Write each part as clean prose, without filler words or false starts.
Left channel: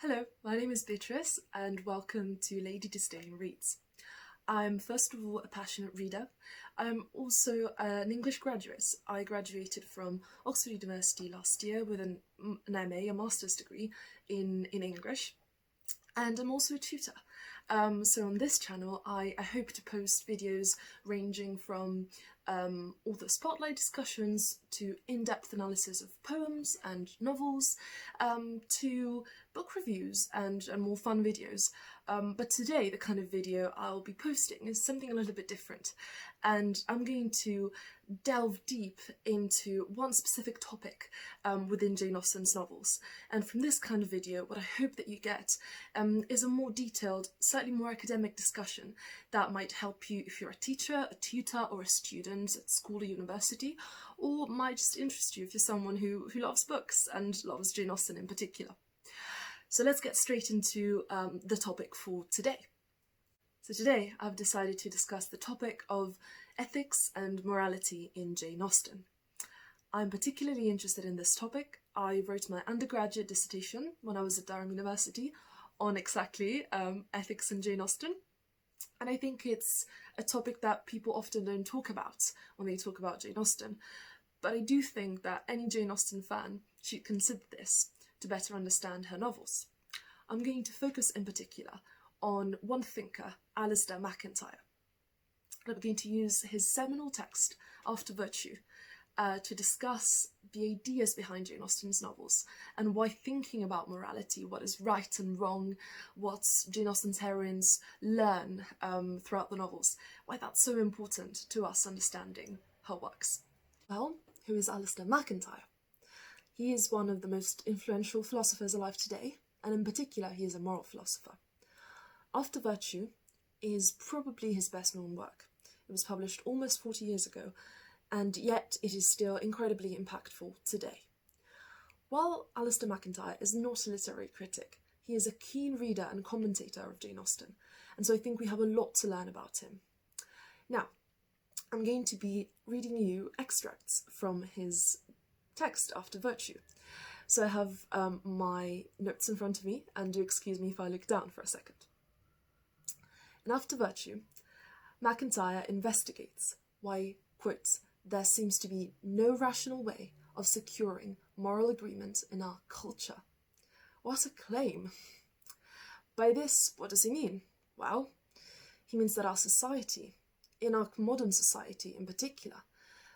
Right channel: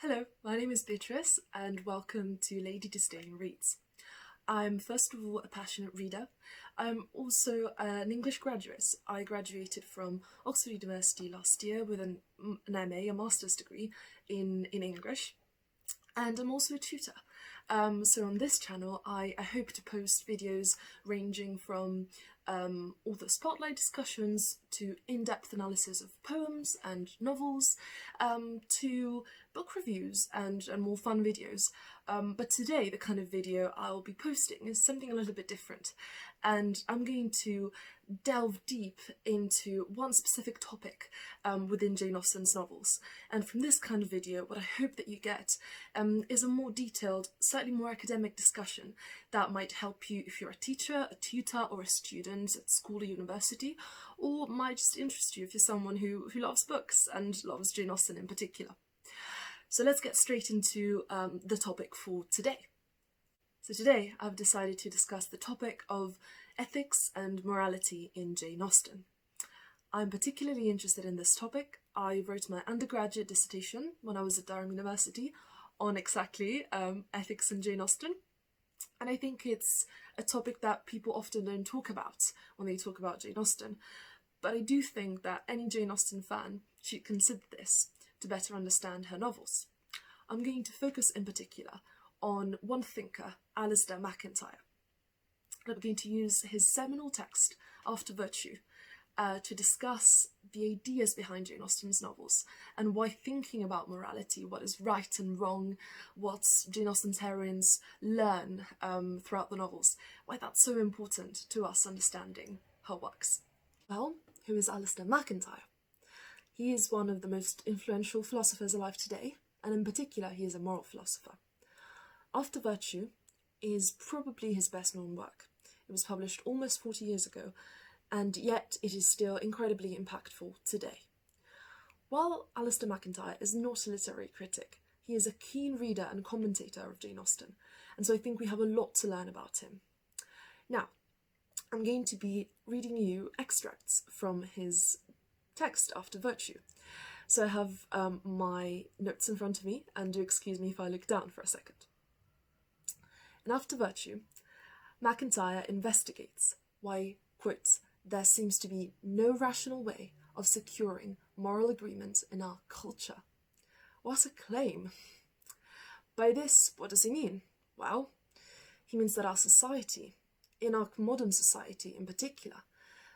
Hello, my name is Beatrice and welcome to Lady Disdain Reads. I'm first of all a passionate reader. I'm also an English graduate. I graduated from Oxford University last year with an MA, a master's degree in English, and I'm also a tutor. So on this channel I hope to post videos ranging from author spotlight discussions to in-depth analysis of poems and novels, to book reviews and more fun videos. But today the kind of video I'll be posting is something a little bit different, and I'm going to delve deep into one specific topic within Jane Austen's novels. And from this kind of video, what I hope that you get is a more detailed, slightly more academic discussion that might help you if you're a teacher, a tutor, or a student at school or university, or might just interest you if you're someone who loves books and loves Jane Austen in particular. So let's get straight into the topic for today. So today I've decided to discuss the topic of ethics and morality in Jane Austen. I'm particularly interested in this topic. I wrote my undergraduate dissertation when I was at Durham University on exactly ethics in Jane Austen, and I think it's a topic that people often don't talk about when they talk about Jane Austen, but I do think that any Jane Austen fan should consider this to better understand her novels. I'm going to focus in particular on one thinker, Alasdair MacIntyre. I'm going to use his seminal text, After Virtue, to discuss the ideas behind Jane Austen's novels and why thinking about morality, what is right and wrong, what Jane Austen's heroines learn throughout the novels, why that's so important to us understanding her works. Well, who is Alasdair MacIntyre? He is one of the most influential philosophers alive today, and in particular he is a moral philosopher. After Virtue is probably his best known work. It was published almost 40 years ago, and yet it is still incredibly impactful today. While Alistair MacIntyre is not a literary critic, he is a keen reader and commentator of Jane Austen, and so I think we have a lot to learn about him. Now, I'm going to be reading you extracts from his text, After Virtue. So I have my notes in front of me, and do excuse me if I look down for a second. In After Virtue, MacIntyre investigates why, quote, there seems to be no rational way of securing moral agreement in our culture. What a claim! By this, what does he mean? Well, he means that our society, in our modern society in particular,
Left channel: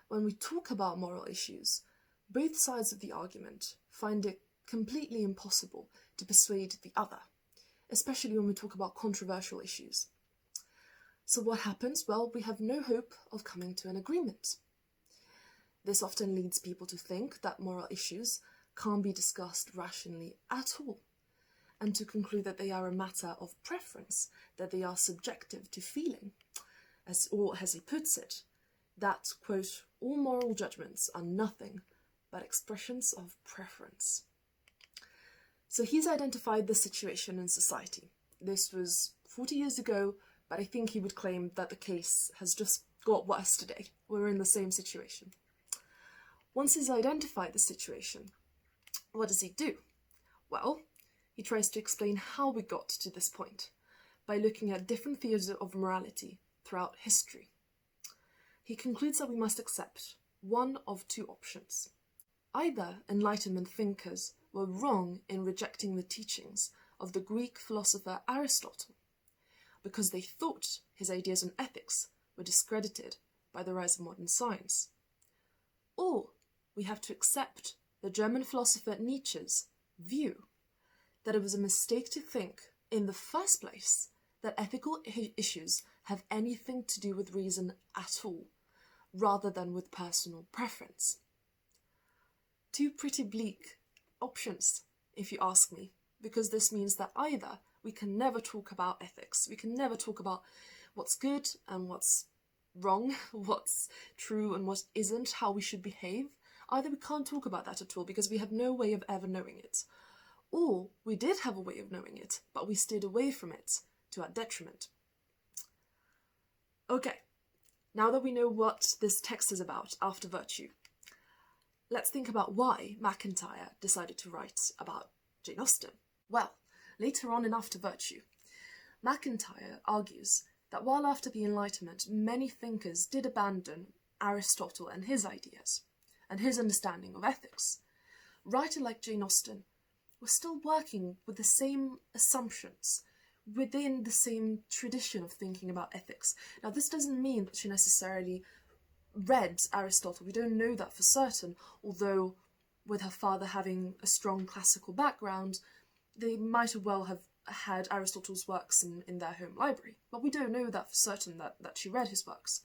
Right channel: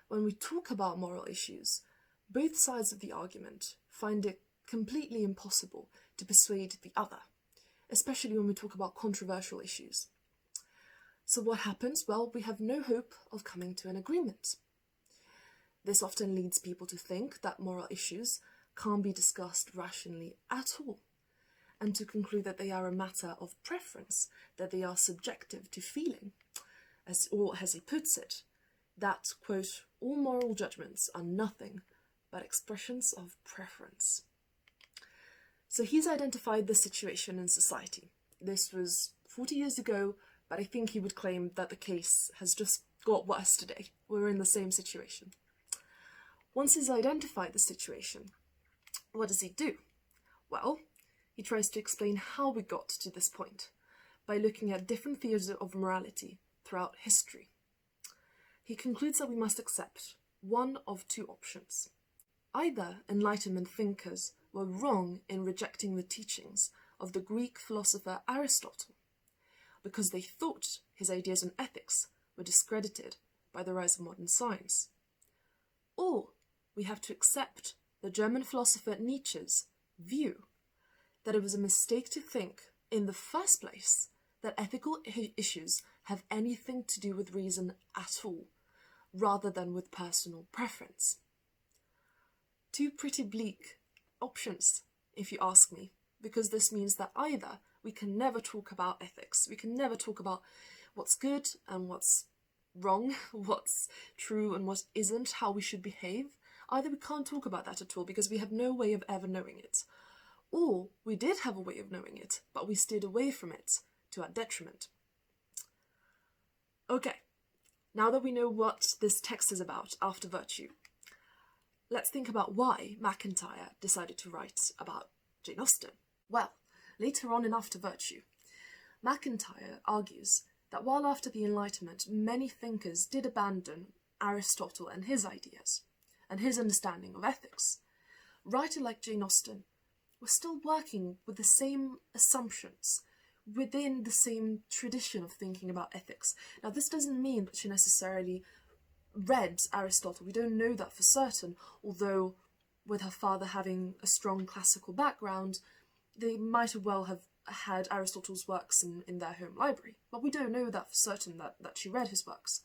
when we talk about moral issues, both sides of the argument find it completely impossible to persuade the other, especially when we talk about controversial issues. So what happens? Well, we have no hope of coming to an agreement. This often leads people to think that moral issues can't be discussed rationally at all, and to conclude that they are a matter of preference, that they are subjective to feeling, or as he puts it, that, quote, all moral judgments are nothing but expressions of preference. So he's identified the situation in society. This was 40 years ago, but I think he would claim that the case has just got worse today. We're in the same situation. Once he's identified the situation, what does he do? Well, he tries to explain how we got to this point by looking at different theories of morality throughout history. He concludes that we must accept one of two options. Either Enlightenment thinkers were wrong in rejecting the teachings of the Greek philosopher Aristotle, because they thought his ideas on ethics were discredited by the rise of modern science. Or we have to accept the German philosopher Nietzsche's view that it was a mistake to think, in the first place, that ethical issues have anything to do with reason at all, rather than with personal preference. Two pretty bleak options, if you ask me, because this means that either we can never talk about ethics, we can never talk about what's good and what's wrong, what's true and what isn't, how we should behave. Either we can't talk about that at all because we have no way of ever knowing it, or we did have a way of knowing it, but we steered away from it to our detriment. Okay, now that we know what this text is about, After Virtue, let's think about why MacIntyre decided to write about Jane Austen. Well, later on in After Virtue. MacIntyre argues that while after the Enlightenment many thinkers did abandon Aristotle and his ideas, and his understanding of ethics, a writer like Jane Austen was still working with the same assumptions, within the same tradition of thinking about ethics. Now, this doesn't mean that she necessarily read Aristotle. We don't know that for certain, although with her father having a strong classical background, they might well have had Aristotle's works in their home library. But we don't know that for certain that she read his works.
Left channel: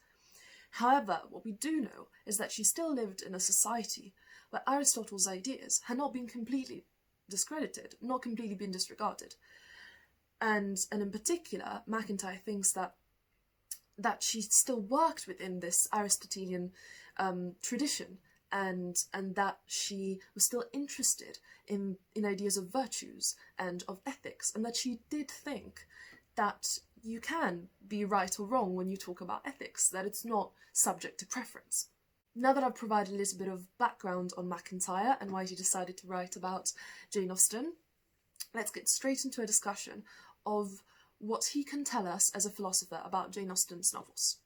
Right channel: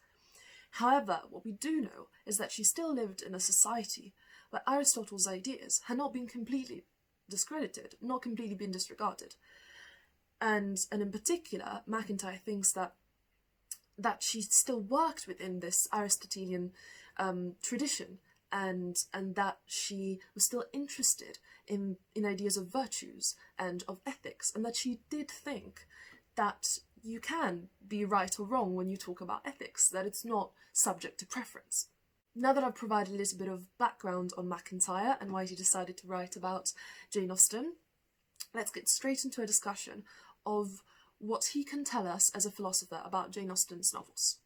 However, what we do know is that she still lived in a society where Aristotle's ideas had not been completely discredited, not completely been disregarded. And in particular, MacIntyre thinks that she still worked within this Aristotelian tradition, and that she was still interested in ideas of virtues and of ethics, and that she did think that you can be right or wrong when you talk about ethics, that it's not subject to preference. Now that I've provided a little bit of background on MacIntyre and why she decided to write about Jane Austen, let's get straight into a discussion of what he can tell us as a philosopher about Jane Austen's novels.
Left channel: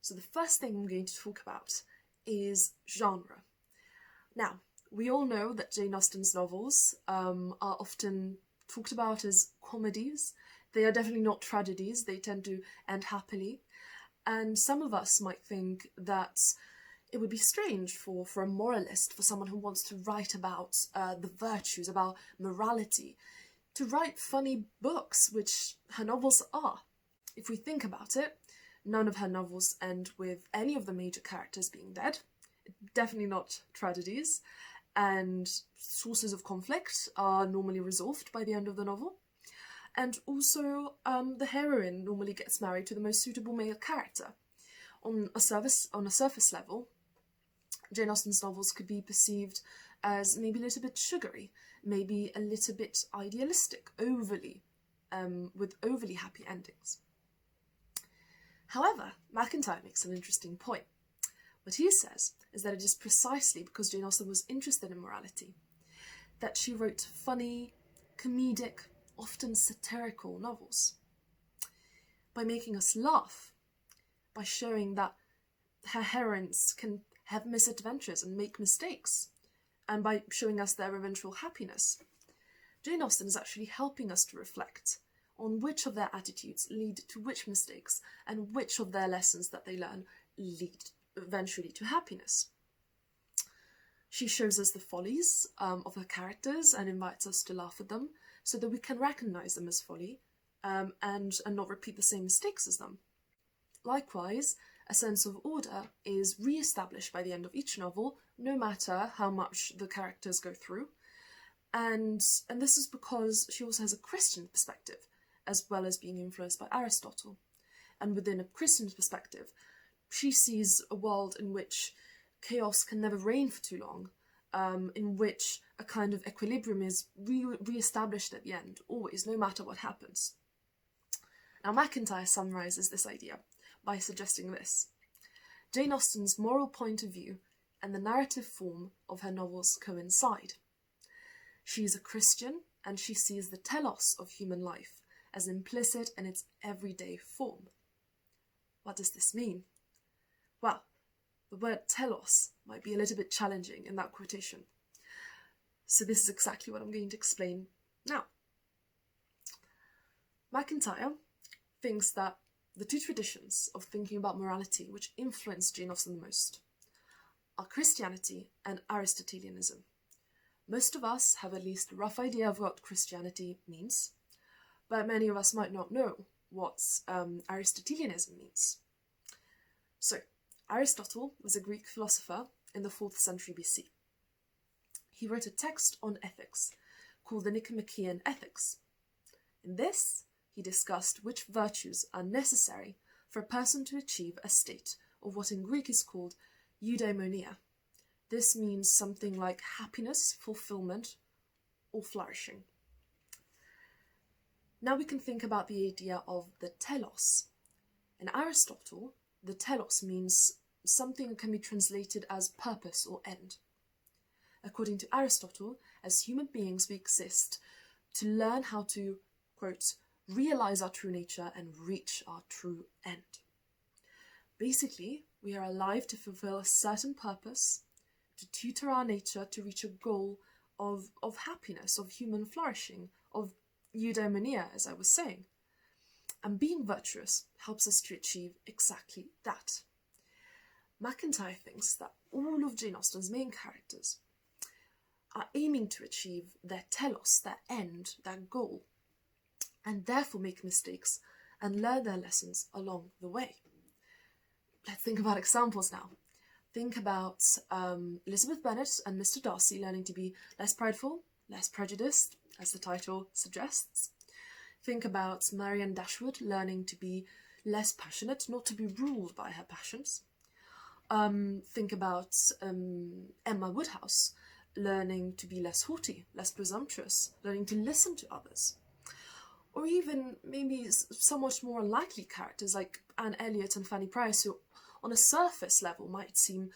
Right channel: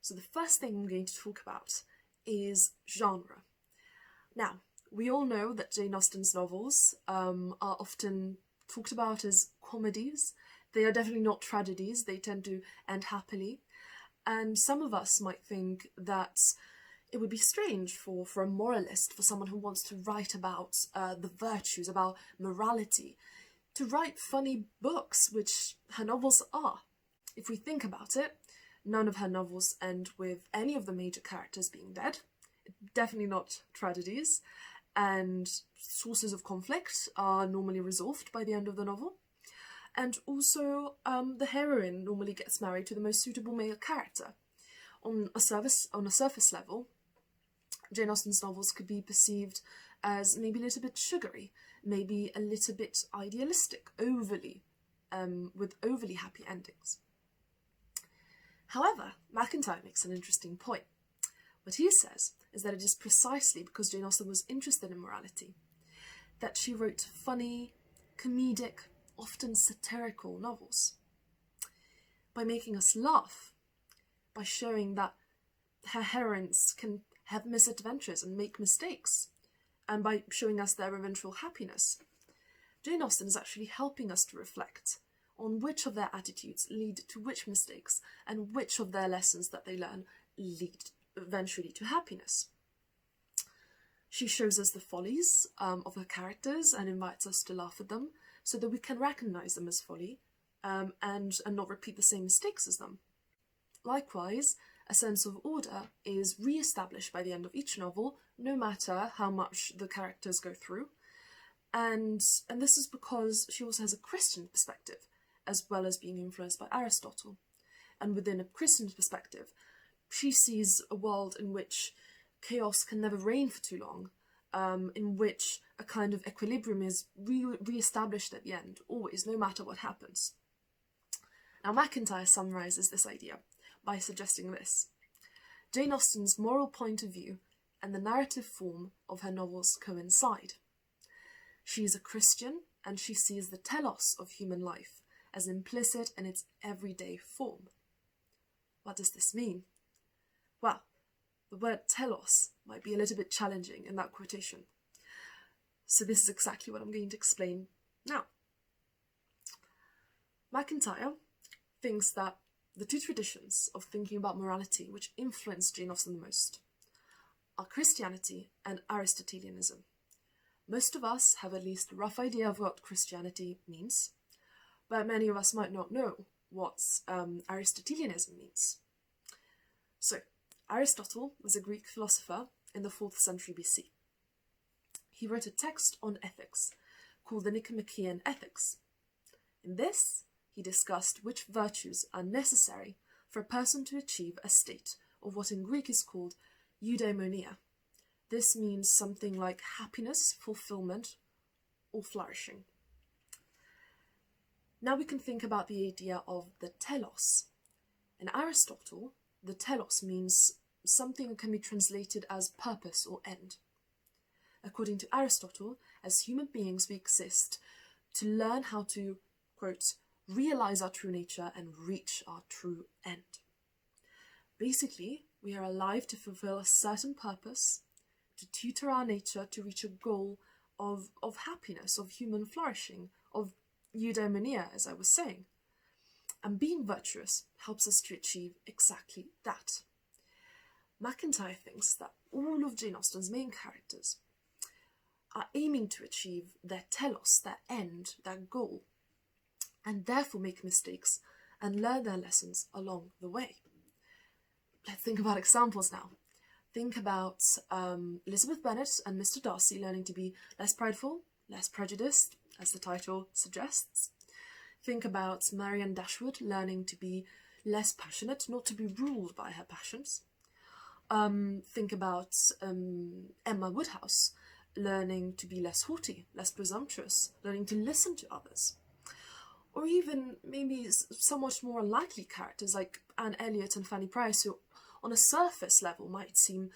So the first thing I'm going to talk about is genre. Now, we all know that Jane Austen's novels are often talked about as comedies. They are definitely not tragedies. They tend to end happily. And some of us might think that it would be strange for a moralist, for someone who wants to write about the virtues, about morality, to write funny books, which her novels are. If we think about it, none of her novels end with any of the major characters being dead. Definitely not tragedies. And sources of conflict are normally resolved by the end of the novel. And also, the heroine normally gets married to the most suitable male character. On a surface level, Jane Austen's novels could be perceived as maybe a little bit sugary, maybe a little bit idealistic, with overly happy endings. However, MacIntyre makes an interesting point. What he says is that it is precisely because Jane Austen was interested in morality that she wrote funny, comedic, often satirical novels. By making us laugh, by showing that her heroines can have misadventures and make mistakes, and by showing us their eventual happiness, Jane Austen is actually helping us to reflect on which of their attitudes lead to which mistakes, and which of their lessons that they learn lead eventually to happiness. She shows us the follies of her characters and invites us to laugh at them, so that we can recognise them as folly and not repeat the same mistakes as them. Likewise, a sense of order is re-established by the end of each novel, no matter how much the characters go through. And this is because she also has a Christian perspective, as well as being influenced by Aristotle. And within a Christian perspective, she sees a world in which chaos can never reign for too long, in which a kind of equilibrium is re-established at the end, always, no matter what happens. Now, MacIntyre summarises this idea by suggesting this: Jane Austen's moral point of view and the narrative form of her novels coincide. She is a Christian, and she sees the telos of human life as implicit in its everyday form. What does this mean? Well, the word telos might be a little bit challenging in that quotation. So this is exactly what I'm going to explain now. MacIntyre thinks that the two traditions of thinking about morality which influence Jane Austen the most are Christianity and Aristotelianism. Most of us have at least a rough idea of what Christianity means, but many of us might not know what Aristotelianism means. So, Aristotle was a Greek philosopher in the 4th century BC. He wrote a text on ethics called the Nicomachean Ethics. In this, he discussed which virtues are necessary for a person to achieve a state of what in Greek is called Eudaimonia. This means something like happiness, fulfillment, or flourishing. Now we can think about the idea of the telos. In Aristotle, the telos means something that can be translated as purpose or end. According to Aristotle, as human beings we exist to learn how to, quote, realise our true nature and reach our true end. Basically, we are alive to fulfil a certain purpose, to tutor our nature to reach a goal of happiness, of human flourishing, of eudaimonia, as I was saying. And being virtuous helps us to achieve exactly that. MacIntyre thinks that all of Jane Austen's main characters are aiming to achieve their telos, their end, their goal, and therefore make mistakes and learn their lessons along the way. Let's think about examples now. Think about Elizabeth Bennet and Mr. Darcy learning to be less prideful, less prejudiced, as the title suggests. Think about Marianne Dashwood learning to be less passionate, not to be ruled by her passions. Think about Emma Woodhouse learning to be less haughty, less presumptuous, learning to listen to others. Or even maybe somewhat more unlikely characters like Anne Elliot and Fanny Price, who on a surface level might seem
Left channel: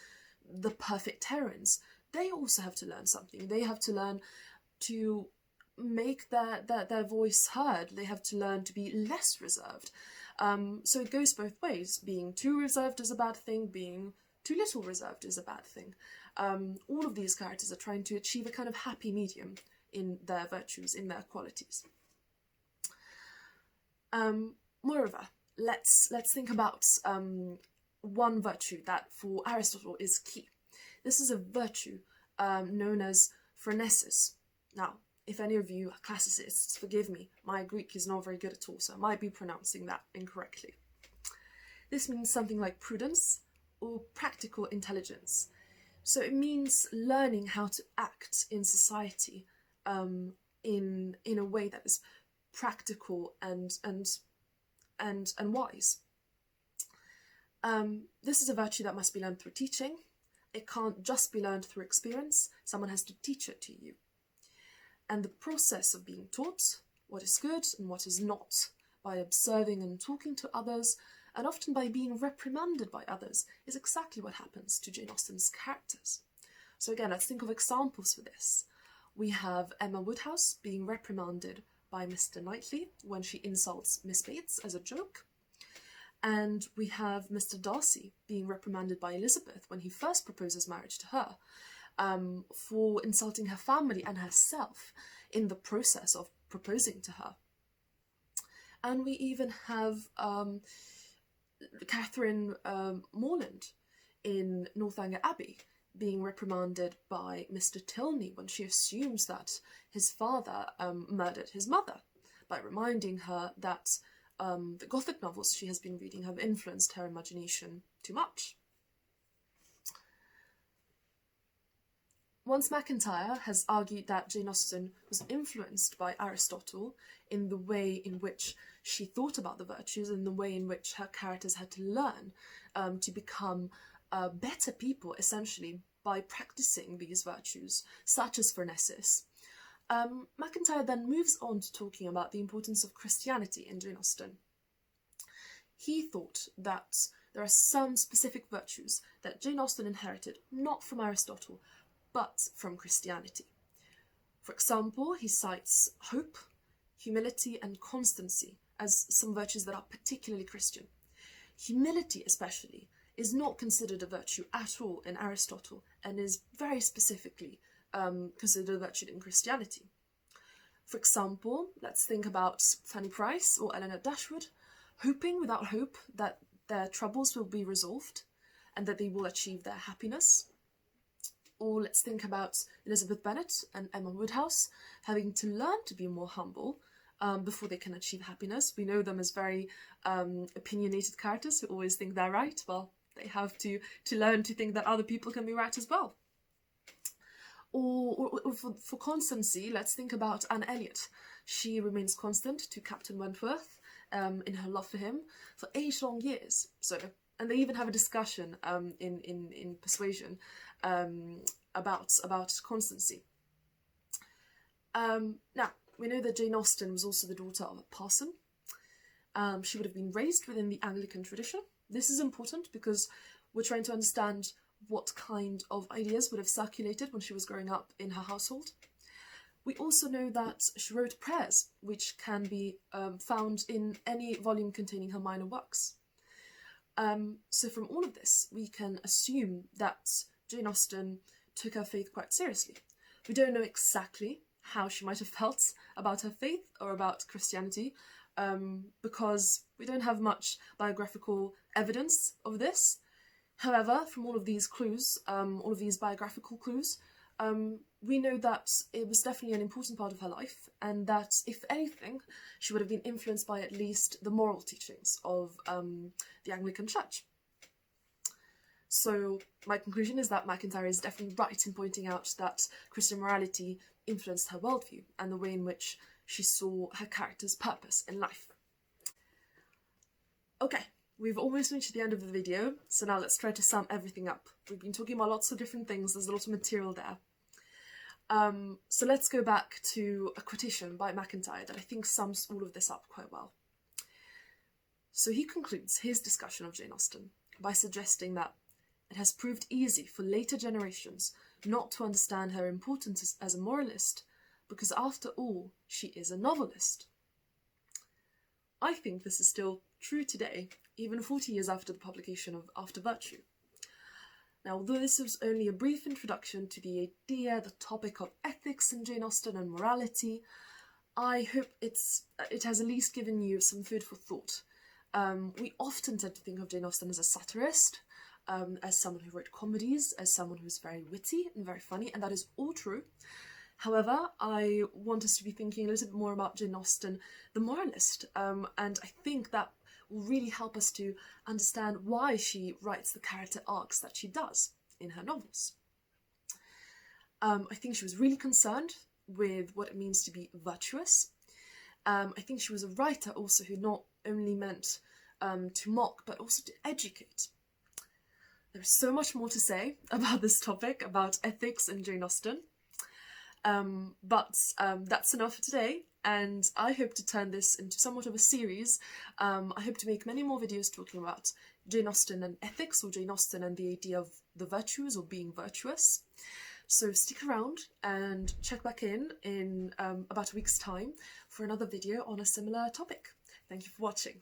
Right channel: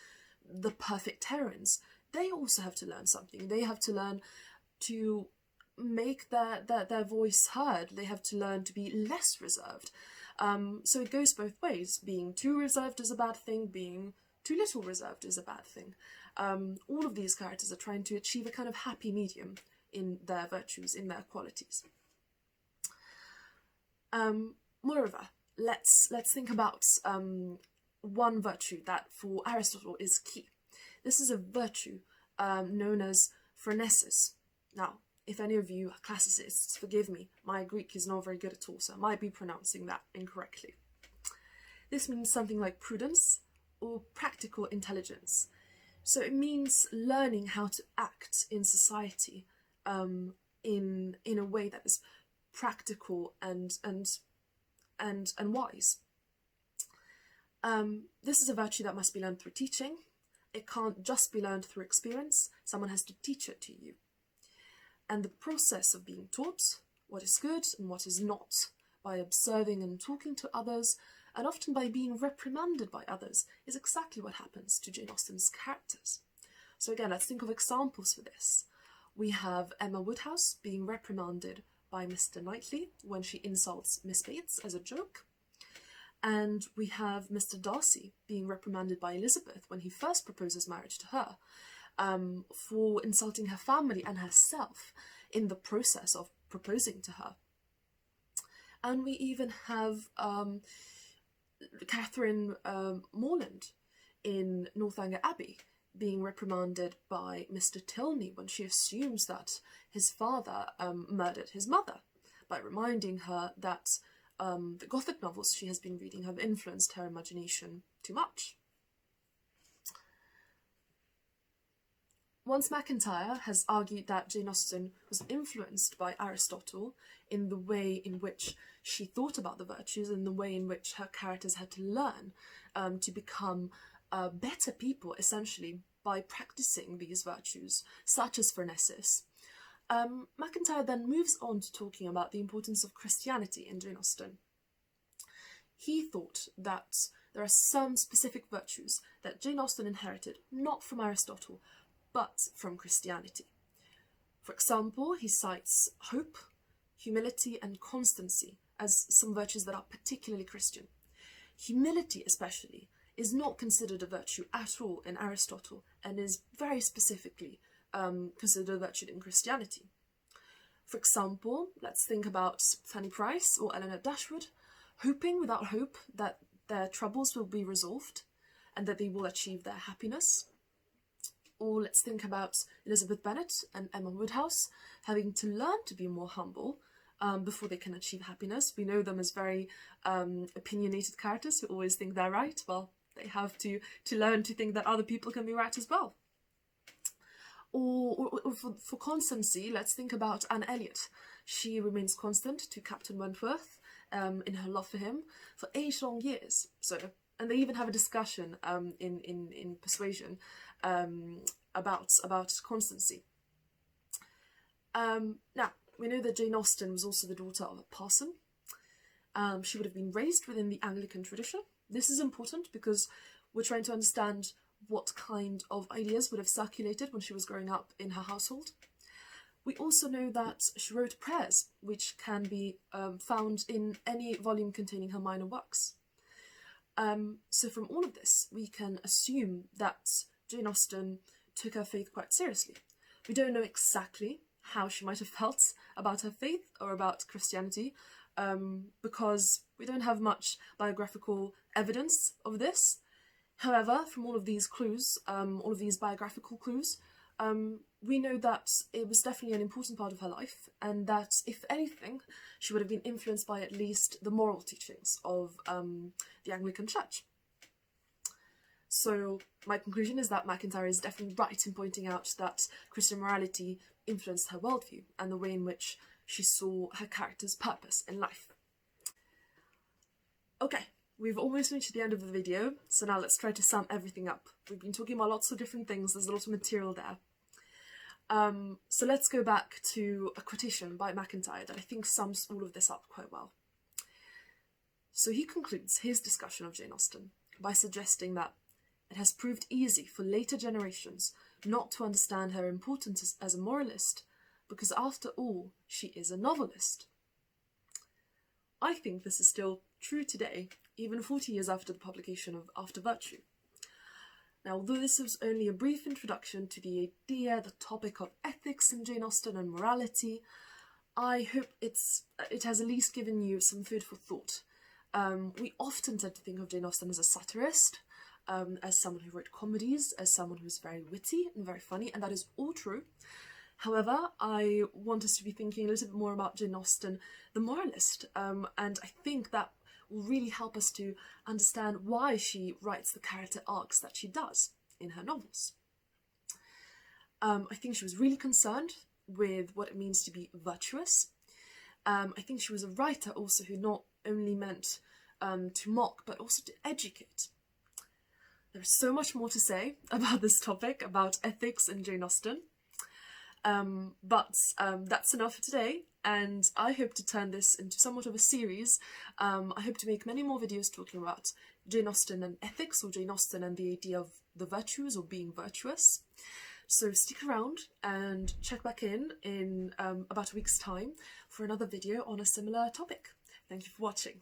the perfect heroines. They also have to learn something. They have to learn to make their voice heard. They have to learn to be less reserved. So it goes both ways. Being too reserved is a bad thing. Being too little reserved is a bad thing. All of these characters are trying to achieve a kind of happy medium in their virtues, in their qualities. Moreover, let's think about one virtue that for Aristotle is key. This is a virtue known as phronesis. Now, if any of you are classicists, forgive me, my Greek is not very good at all, so I might be pronouncing that incorrectly. This means something like prudence or practical intelligence. So it means learning how to act in society in a way that is practical and wise. This is a virtue that must be learned through teaching. It can't just be learned through experience. Someone has to teach it to you. And the process of being taught what is good and what is not, by observing and talking to others, and often by being reprimanded by others, is exactly what happens to Jane Austen's characters. So again, let's think of examples for this. We have Emma Woodhouse being reprimanded by Mr. Knightley when she insults Miss Bates as a joke. And we have Mr. Darcy being reprimanded by Elizabeth when he first proposes marriage to her, for insulting her family and herself in the process of proposing to her. And we even have Catherine Morland in Northanger Abbey being reprimanded by Mr. Tilney when she assumes that his father murdered his mother, by reminding her that the Gothic novels she has been reading have influenced her imagination too much. Once MacIntyre has argued that Jane Austen was influenced by Aristotle in the way in which she thought about the virtues and the way in which her characters had to learn to become better people, essentially, by practicing these virtues, such as phronesis. MacIntyre then moves on to talking about the importance of Christianity in Jane Austen. He thought that there are some specific virtues that Jane Austen inherited not from Aristotle, but from Christianity. For example, he cites hope, humility, and constancy as some virtues that are particularly Christian. Humility, especially, is not considered a virtue at all in Aristotle and is very specifically considered a virtue in Christianity. For example, let's think about Fanny Price or Eleanor Dashwood, hoping without hope that their troubles will be resolved and that they will achieve their happiness. Or let's think about Elizabeth Bennet and Emma Woodhouse having to learn to be more humble before they can achieve happiness. We know them as very opinionated characters who always think they're right. Well, they have to learn to think that other people can be right as well. Or for constancy, let's think about Anne Elliot. She remains constant to Captain Wentworth in her love for him for 8 long years. And they even have a discussion in Persuasion about constancy. Now, we know that Jane Austen was also the daughter of a parson. She would have been raised within the Anglican tradition. This is important because we're trying to understand what kind of ideas would have circulated when she was growing up in her household. We also know that she wrote prayers, which can be found in any volume containing her minor works. So from all of this, we can assume that Jane Austen took her faith quite seriously. We don't know exactly how she might have felt about her faith or about Christianity, because we don't have much biographical evidence of this. However, from all of these clues, all of these biographical clues, we know that it was definitely an important part of her life, and that, if anything, she would have been influenced by at least the moral teachings of the Anglican Church. So my conclusion is that MacIntyre is definitely right in pointing out that Christian morality influenced her worldview and the way in which she saw her character's purpose in life. Okay, we've almost reached the end of the video, so now let's try to sum everything up. We've been talking about lots of different things, there's a lot of material there. So let's go back to a quotation by MacIntyre that I think sums all of this up quite well. So he concludes his discussion of Jane Austen by suggesting that it has proved easy for later generations not to understand her importance as a moralist, because after all, she is a novelist. I think this is still true today, even 40 years after the publication of After Virtue. Now, although this was only a brief introduction to the idea, the topic of ethics in Jane Austen and morality, I hope it has at least given you some food for thought. We often tend to think of Jane Austen as a satirist, as someone who wrote comedies, as someone who's very witty and very funny, and that is all true. However, I want us to be thinking a little bit more about Jane Austen, the moralist, and I think that will really help us to understand why she writes the character arcs that she does in her novels. I think she was really concerned with what it means to be virtuous. I think she was a writer also who not only meant to mock, but also to educate. There's so much more to say about this topic, about ethics in Jane Austen. But that's enough for today, and I hope to turn this into somewhat of a series. I hope to make many more videos talking about Jane Austen and ethics, or Jane Austen and the idea of the virtues or being virtuous. So stick around and check back in about a week's time for another video on a similar topic. Thank you for watching.